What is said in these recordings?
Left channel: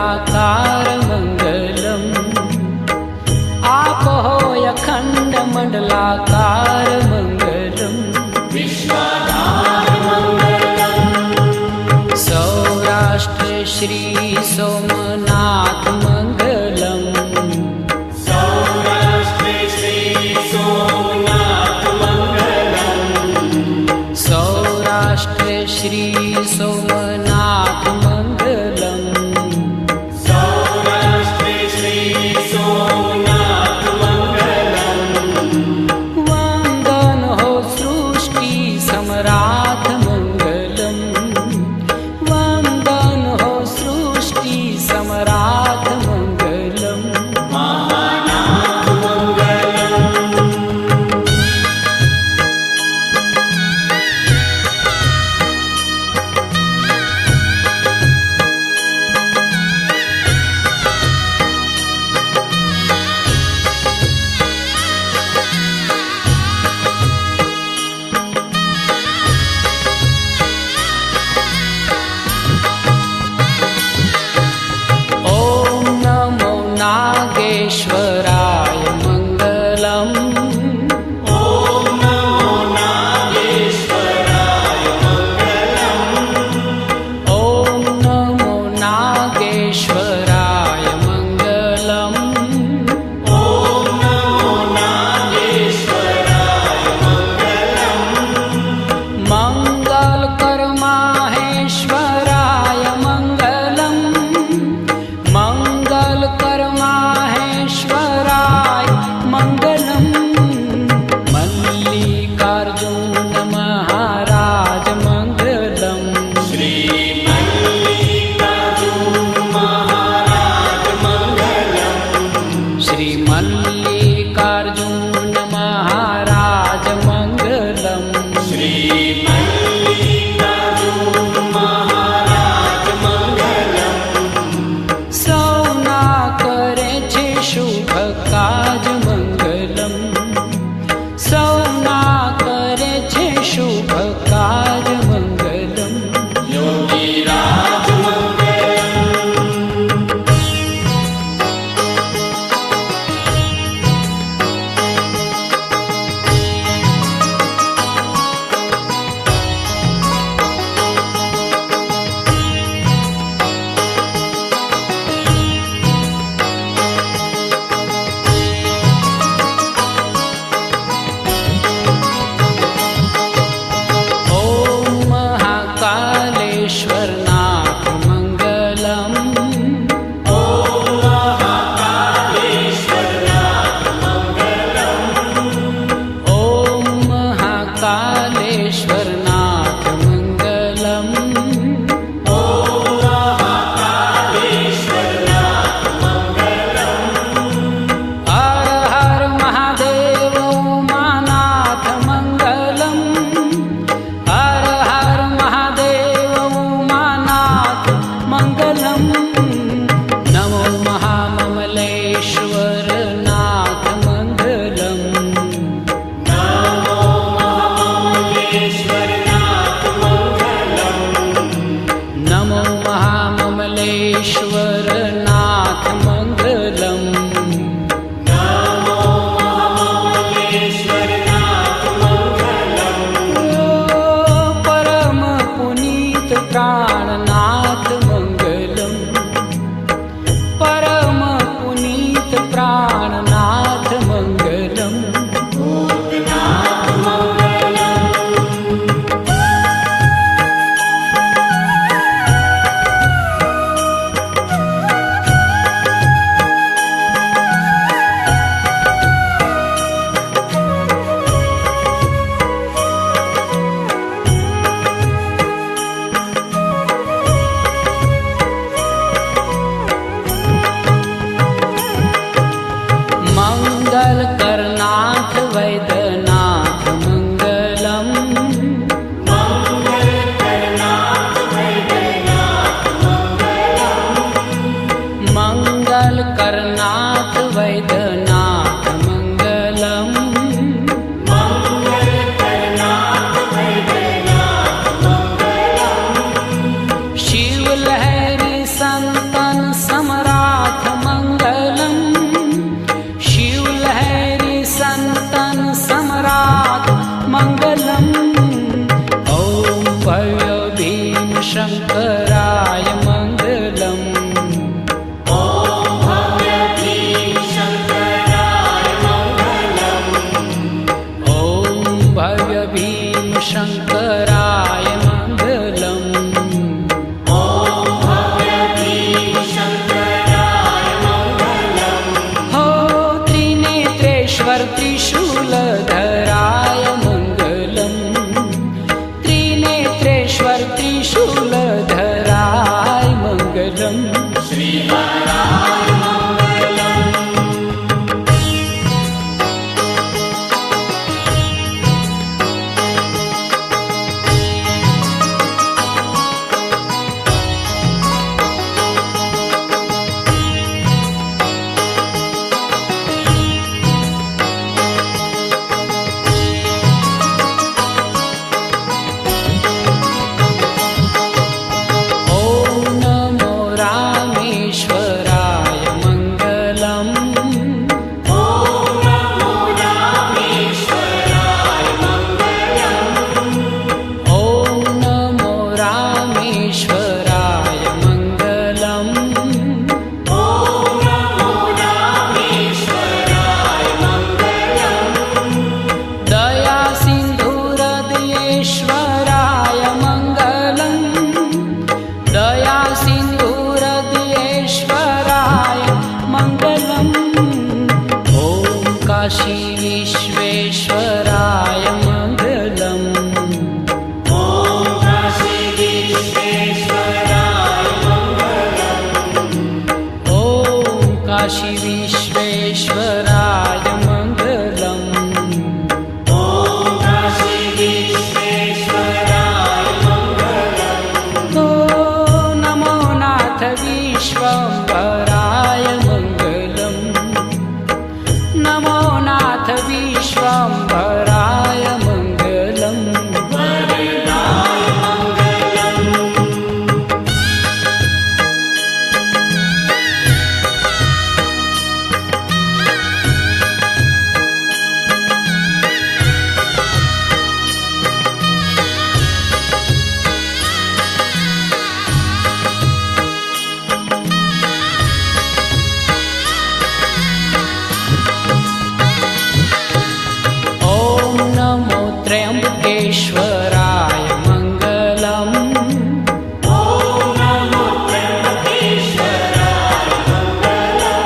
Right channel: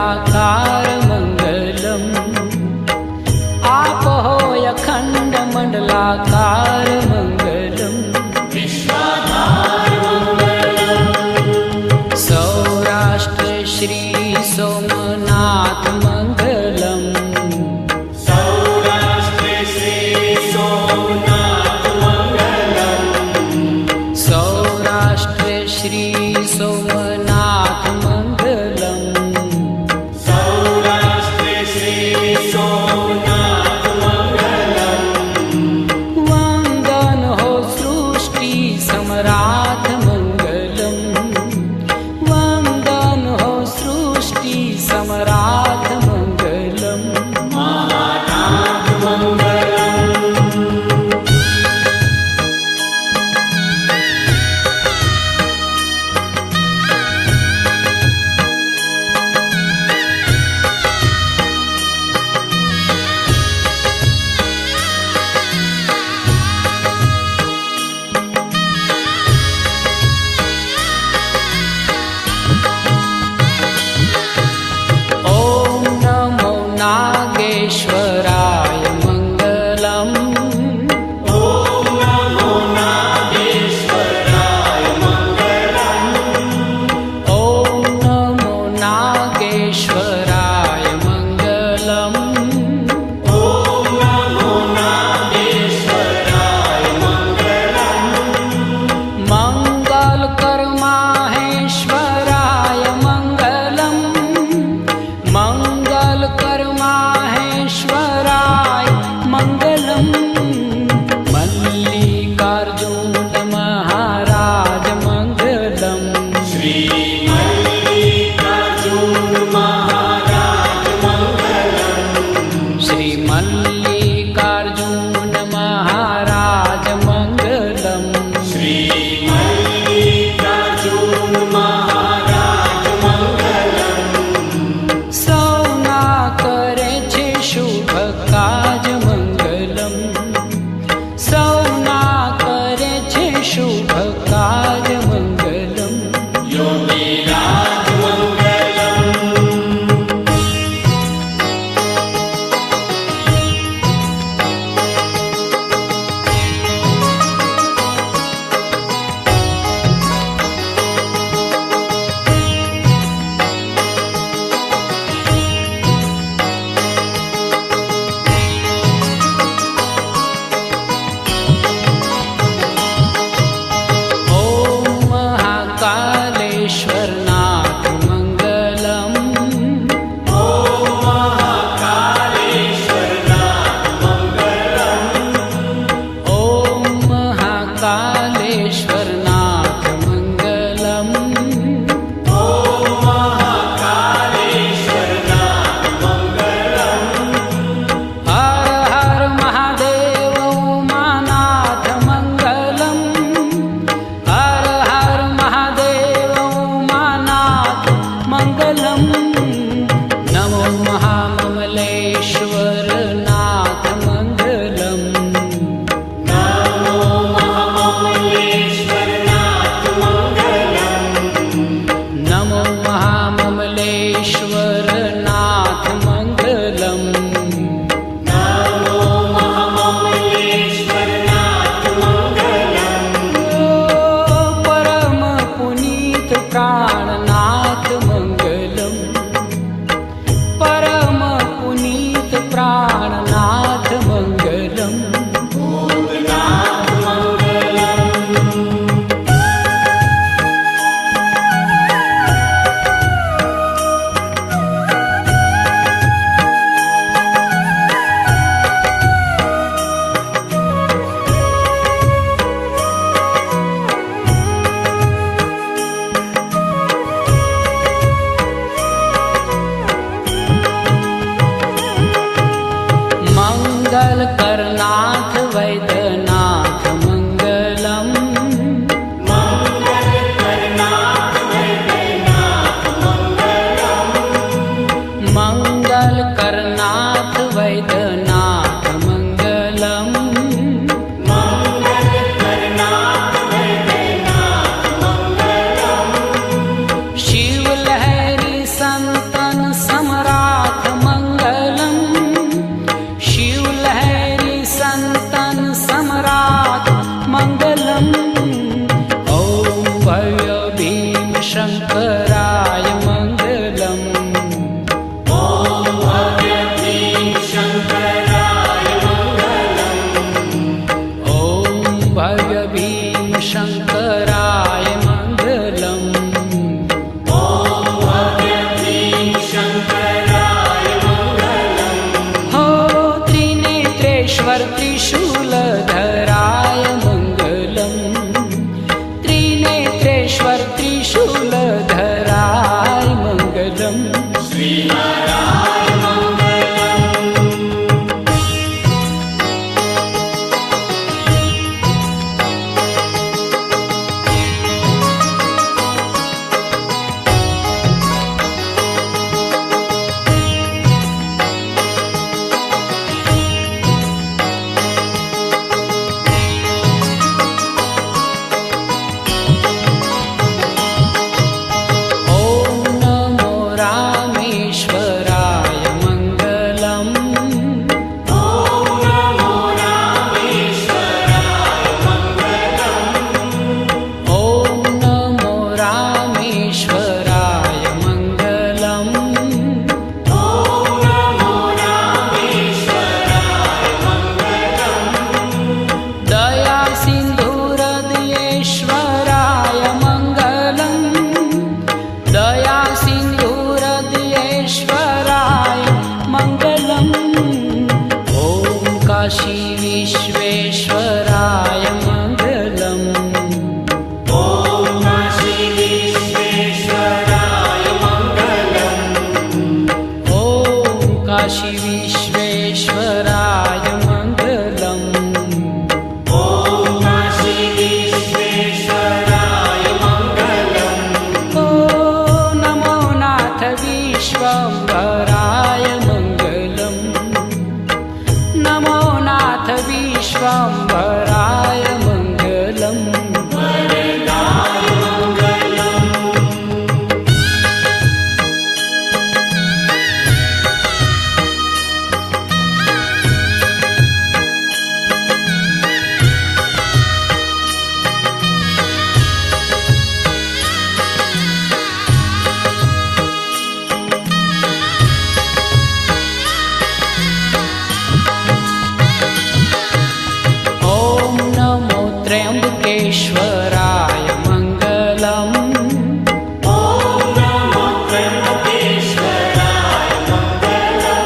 मंडलाकार मंगलम। आप हो अखंड मंडलाकार मंगलम। सौराष्ट्र श्री सोमनाथ मंगलम। सौराष्ट्र श्री सोमनाथ मंगलम। वंदन हो सृष्टि सम्राट मंगलम। वंदन हो सृष्टि सम्राट मंगलम। नागेश्वराय मंगलम। ओम नमो नागेश्वराय मंगलम। ओम नमो नागेश्वराय मंगलम। ओम नमो नागेश्वराय मंगलम। मंगल कर माहेश्वराय मंगलम। मंगल कर माहेश्वराय मंगलम। मल्लिकार्जुन महाराज मंगलम। श्री मल्लिकार्जुन महाराज मंगलम। श्री मल्लिकार्जुन महाराज मंगलम। श्री मल्लिकार्जुन महाराज मंगलम। सौना करे छे शुभ काज मंगलम। सौना करे छे शुभ काज मंगलम। योगीराज मंगलम। कालेश्वरनाथ मंगलम। ओम महाकालेश्वरनाथ मंगलम। ओम महाकालेश्वरनाथ मंगलम। ओम महाकालेश्वरनाथ मंगलम। हर हर महादेव उमानाथ मंगलम। हर हर महादेव मंगलम। नमो महाममलेश्वर नाथ मंगलम। नमो महाममलेश्वर नाथ मंगलम। नमो महाममलेश्वर नाथ मंगलम। नमो महाममलेश्वर नाथ मंगलम। परम पुनीत प्राणनाथ मंगलम। परम पुनीत प्राणनाथ मंगलम। मंगल करनाथ वैद्यनाथ मंगलम। मंगल करनाथ वैद्यनाथ मंगलम। मंगल करनाथ वैद्यनाथ मंगलम। मंगल करनाथ वैद्यनाथ मंगलम। शिव लहरी संतन समराथ मंगलम, शिवलहरी संतन सम्राट मंगलम। ओम भव्य भीम शंकराय मंगलम, ओम भव्य भीम शंकराय मंगलम, ओम भव्य भीम शंकराय मंगलम। ओम भव्य भीम शंकराय मंगलम। हो त्रिनेत्रेश्वर त्रिशूलधराय मंगलम, त्रिनेत्रेश्वर त्रिशूलधराय मंगलम। श्रीहराय मंगलम। ओम नमो रामेश्वराय मंगलम, ओम नमो रामेश्वराय मंगलम, ओम नमो रामेश्वराय मंगलम। ओम नमो रामेश्वराय मंगलम, दया सिंधुहृदयेश्वराय मंगलम, दया सिंधुहृदयेश्वराय मंगलम। ओम काशी विश्वेश्वराय मंगलम, ओम काशी विश्वेश्वराय मंगलम, ओम काशी विश्वेश्वराय मंगलम। ओम काशी विश्वेश्वराय मंगलम। ओ नमो नाथ विश्वम्भराय मंगलम, नमो नाथ विश्वम्भराय मंगलम। वरदाय मंगलम। ओम नमो त्र्यंबकेश्वराय मंगलम, ओम नमो त्र्यंबकेश्वराय मंगलम,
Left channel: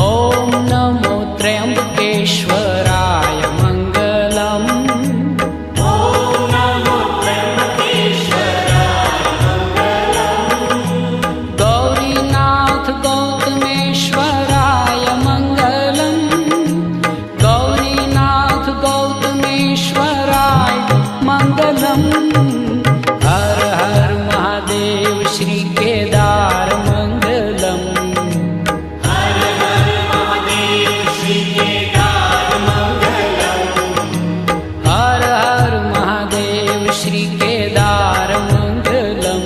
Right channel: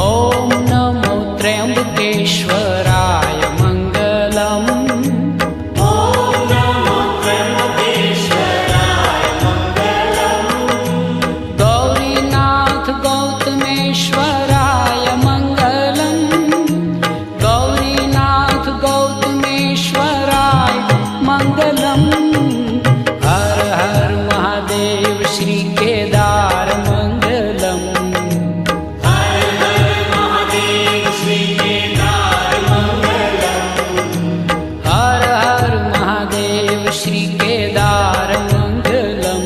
ओम नमो त्र्यंबकेश्वराय मंगलम। ओम नमो त्र्यंबकेश्वराय मंगलम, गौरीनाथ गौतमेश्वराय मंगलम, गौरीनाथ गौतमेश्वराय मंगलम। हर हर महादेव श्री केदार मंगलम, हर हर महादेव श्री केदार मंगलम, हर हर महादेव श्री केदार मंगलम।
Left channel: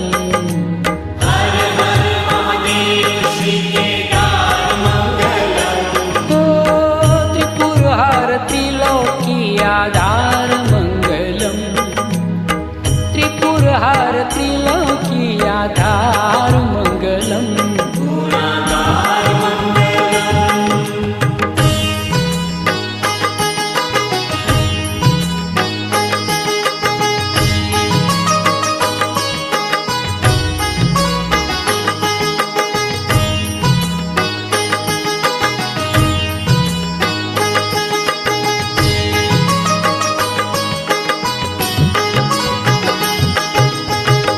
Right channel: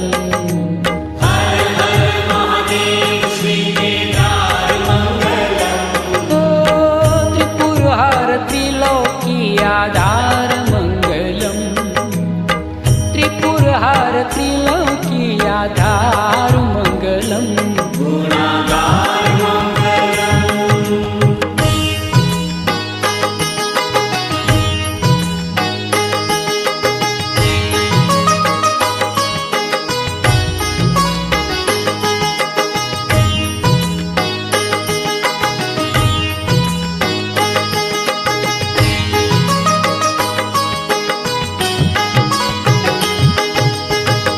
हर हर महादेव श्री केदार मंगलम। ओ त्रिपुरहर त्रिलोकी आधार मंगलम, त्रिपुरहर त्रिलोकी आधार मंगलम। गुणागार मंगलम।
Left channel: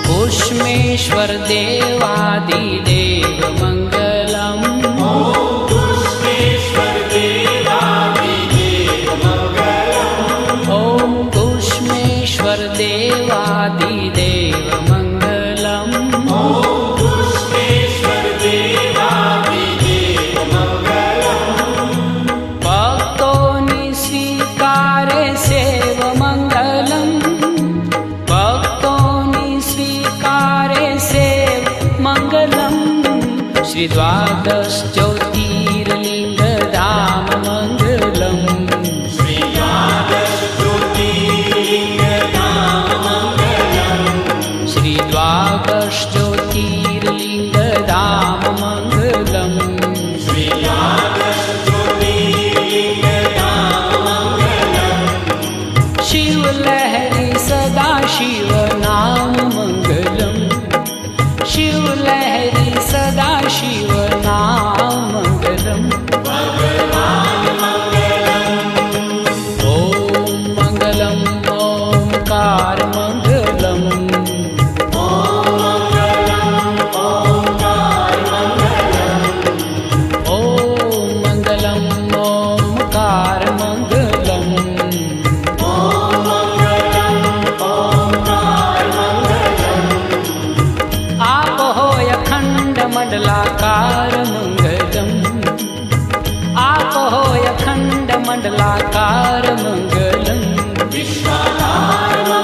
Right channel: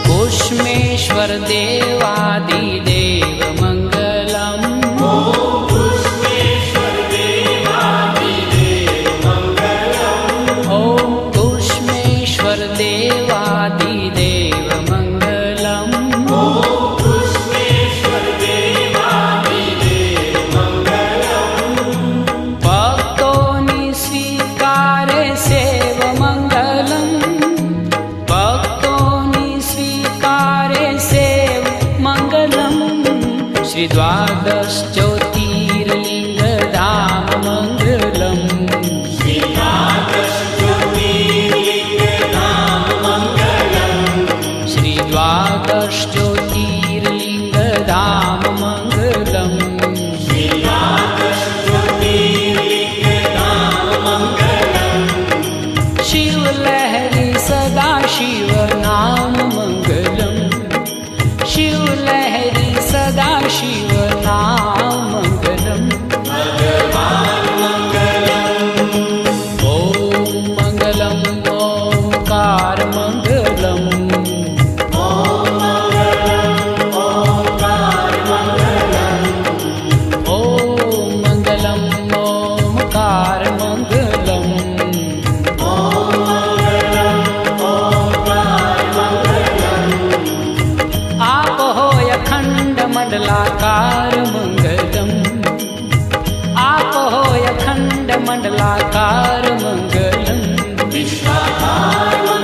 कुष्मेश्वर देवादिदेव मंगलम, पुष्पेश्वर देवादिदेव मंगलम, ओम कुष्मेश्वर देवादिदेव मंगलम। पुष्पेश्वर देवादिदेव मंगलम, भक्तोनि स्वीकारे सेव मंगलम, भक्तोनि स्वीकारे सेव मंगलम। श्री द्वादश ज्योतिर्लिंग धाम मंगलम श्री द्वादश ज्योतिर्लिंग धाम मंगलम शिव लहरी सदा शिव नाम मंगलम शिव लहरी सदा शिव नाम मंगलम ओम मंगलम ओंकार मंगलम ओम मंगलम ओंकार मंगलम आप होय अखंड मंडलाकार मंगलम आप होय अखंड मंडलाकार मंगलम विश्वाधार